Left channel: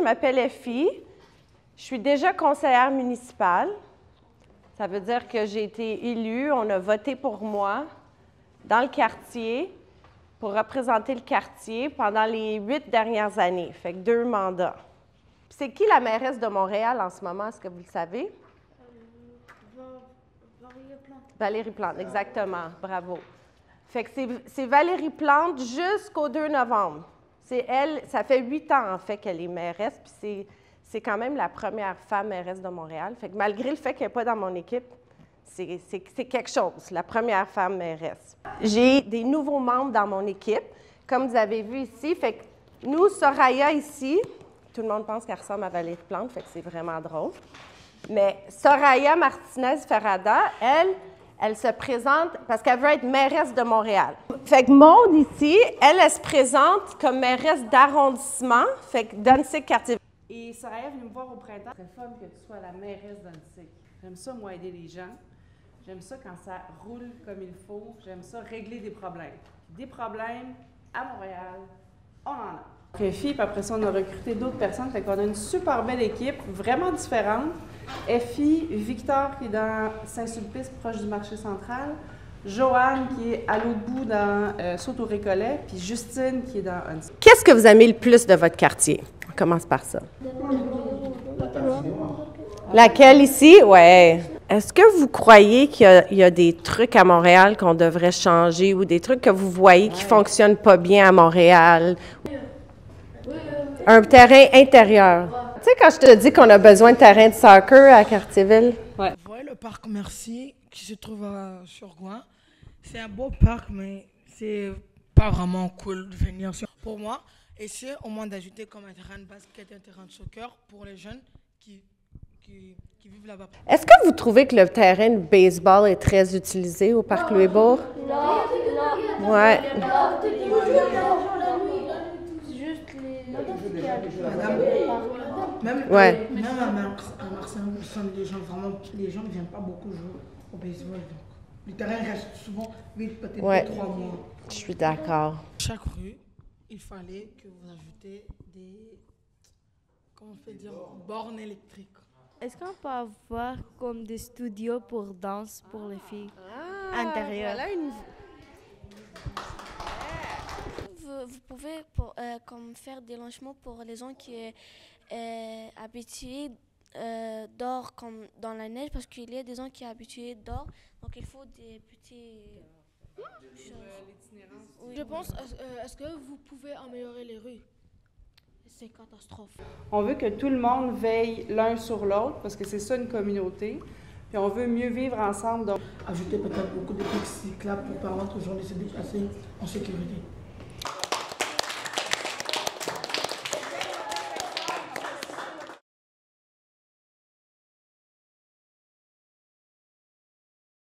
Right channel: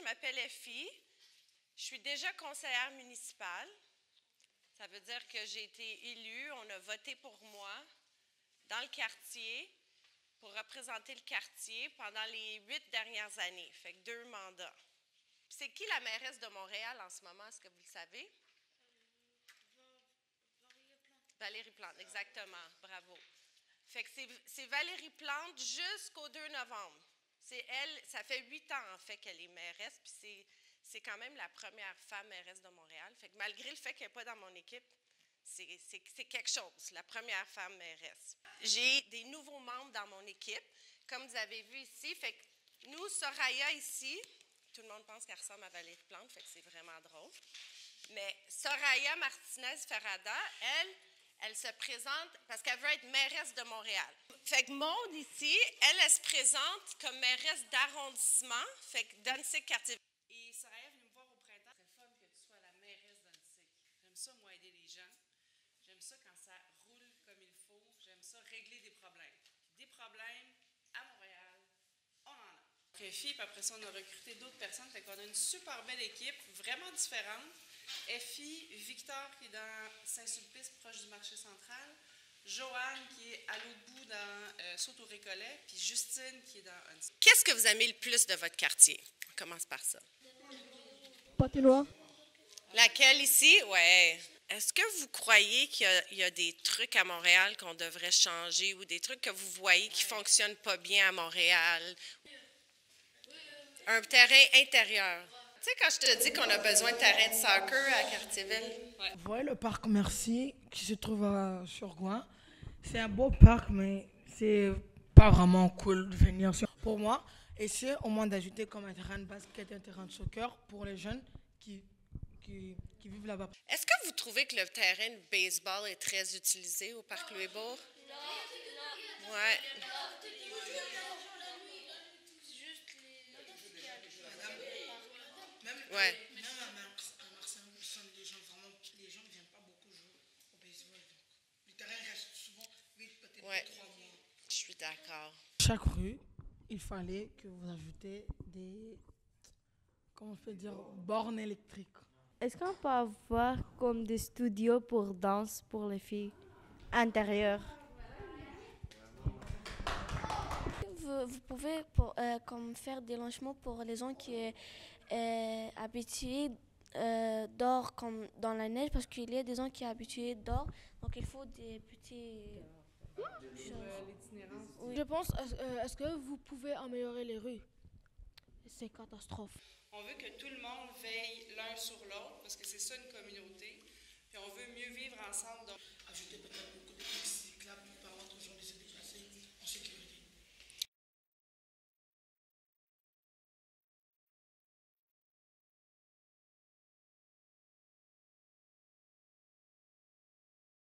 je m'appelle Effie. Je suis déjà conseillère municipale. Ça veut dire que j'ai été élue, on a voté pour moi dans le quartier pour représenter le quartier pendant les 8 dernières années, fait que 2 mandats. C'est qui la mairesse de Montréal en ce moment, est-ce que vous le savez? Valérie Plante. Valérie Plante, exactement, bravo. Fait que c'est Valérie Plante jusqu'au 2 novembre. C'est elle, ça fait 8 ans en fait qu'elle est mairesse, puis c'est quand même la première femme mairesse de Montréal. Fait que malgré le fait qu'elle n'est pas dans mon équipe, c'est quelque chose, la première femme mairesse. J'ai des nouveaux membres dans mon équipe, comme vous avez vu ici. Fait que nous, Soraya ici, tout le monde pense qu'elle ressemble à Valérie Plante, fait que c'est vraiment drôle. Mais Soraya Martinez-Ferrada, elle se présente parce qu'elle veut être mairesse de Montréal. Fait que Maude ici, elle se présente comme mairesse d'arrondissement, fait que d'Annecy-Cartier. Et Soraya est venue me voir au printemps. C'est fun que tu sois la mairesse d'Annecy. J'aime ça, moi, aider les gens. J'aime ça quand ça roule comme il faut. J'aime ça régler des problèmes. Des problèmes, à Montréal, on en a. Effie, puis après ça, on a recruté d'autres personnes. Fait qu'on a une super belle équipe, vraiment différente. Effie, Victor qui est dans Saint-Sulpice, proche du marché central. Joanne qui est à l'autre bout dans Sault-au-Récollet. Puis Justine qui est dans Annecy. Qu'est-ce que vous aimez le plus de votre quartier? On commence par ça. Laquelle ici? Ouais. Est-ce que vous croyez qu'il y a des trucs à Montréal qu'on devrait changer ou des trucs que vous voyez qui ne fonctionnent pas bien à Montréal? Un terrain intérieur. Tu sais, quand je te dis qu'on a besoin de terrain de soccer à Cartierville? Ouais. Vous voyez le parc Mercier qui se trouve sur Gouin? C'est un beau parc, mais c'est pas vraiment cool de venir sur. Pour moi, essayer au moins d'ajouter comme un terrain de basket et un terrain de soccer pour les jeunes qui vivent là-bas. Est-ce que vous trouvez que le terrain de baseball est très utilisé au parc Louis-Bourg? Non. Ouais. Même à Marseille, les gens ne viennent pas beaucoup jouer au baseball. Donc. Le terrain reste souvent vide, peut-être 3 mois. Je suis d'accord. Chaque rue, il fallait que vous ajoutez des, comment on peut dire, bornes électriques. Est-ce qu'on peut avoir comme des studios pour danse pour les filles intérieures? Vous pouvez comme faire des logements pour les gens qui sont habitués dehors comme dans la neige parce qu'il y a des gens qui sont habitués dehors, donc il faut des petits choses. Oui. Je pense, est-ce que vous pouvez améliorer les rues? C'est catastrophe. On veut que tout le monde veille l'un sur l'autre parce que c'est ça une communauté. Puis on veut mieux vivre ensemble. Donc ajouter peut-être beaucoup de pistes cyclables pour permettre aux gens de se déplacer en sécurité.